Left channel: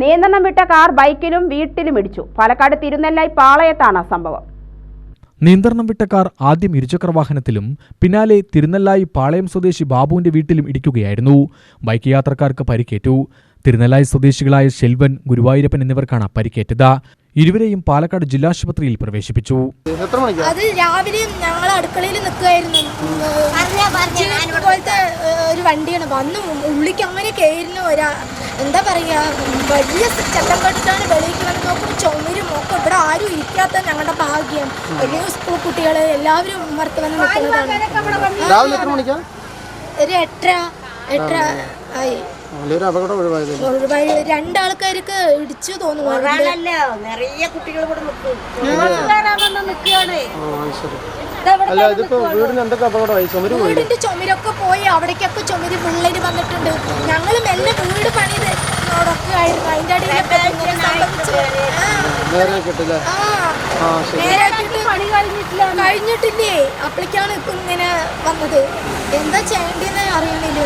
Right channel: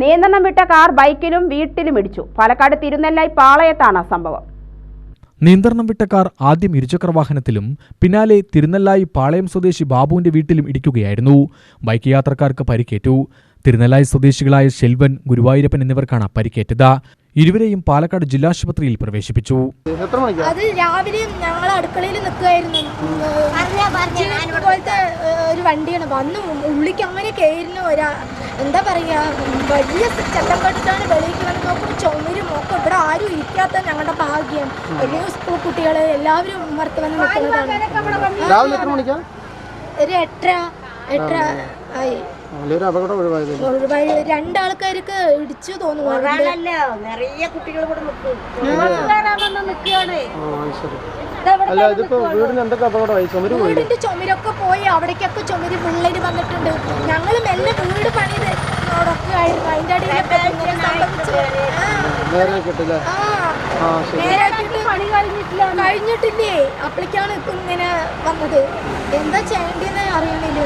നിയന്ത്രണം വിട്ട കാർ ബൈക്കിലും വീട്ടിലും ഇടിച്ചു. പാലക്കാട് തിരുനെല്ലായി പാളയത്താണ് സംഭവം. നിയന്ത്രണം വിട്ട കാർ ആദ്യം ഇരുചക്രവാഹനത്തിലും പിന്നാലെ തിരുനെല്ലായി പാളയം സ്വദേശി ബാബുവിന്റെ വീട്ടിലും ഇടിക്കുകയായിരുന്നു. ബൈക്ക് യാത്രക്കാർക്ക് പരിക്കേറ്റു. തിരുനെല്ലായി സ്വദേശികളായ ശെൽവൻ, ഗുരുവായൂരപ്പൻ എന്നിവർക്കാണ് പരിക്കേറ്റത്. ഇരുവരെയും പാലക്കാട് ജില്ലാശുപത്രിയിൽ പ്രവേശിപ്പിച്ചു. അത് രാവിലെ ഞങ്ങൾ അടുക്കളയിൽ നിൽക്കുകയായിരുന്നു. പോലത്തെ ഒരു വണ്ടിയാണ് വന്ന് ഉള്ളിക്ക് അങ്ങനെ കയറുന്നു. എന്താ പറയാ, വലിയ ചത്തം കണ്ടിട്ടാണ് വെളിയിലേക്ക് വന്ന് നോക്കുമ്പോൾ ചുമരും ഒക്കെ. ഇവിടെ ആരും ഇരിക്കാത്ത ഞങ്ങളുടെ ഭാഗ്യം. വലിയ സ്കൂൾ കുട്ടികൾ എല്ലാവരും പുറത്ത് വന്ന് നിൽക്കുന്നതാണ്. ഒരു 8:30 ആയി. രണ്ടാൾക്കാർക്ക് ഇടിച്ചു തോന്നുന്നു. വീടിന്റെ ചുമരൊക്കെ പോയി. അവിടേക്കൊക്കെ ചുമര് വിള്ളല് വന്നിട്ടുണ്ട്. ഞങ്ങൾ മെല്ലെ വീട് പണിത് ഒക്കെ ആയിരുന്നു. അതിന്റെ അടിയിൽ കഴിഞ്ഞിട്ടില്ലേ. അപ്പോഴേക്കാണ് ഇപ്പൊ ഇങ്ങനെ വന്നത്. എന്താ ചെയ്യേണ്ടതെന്ന് അറിയണില്ല.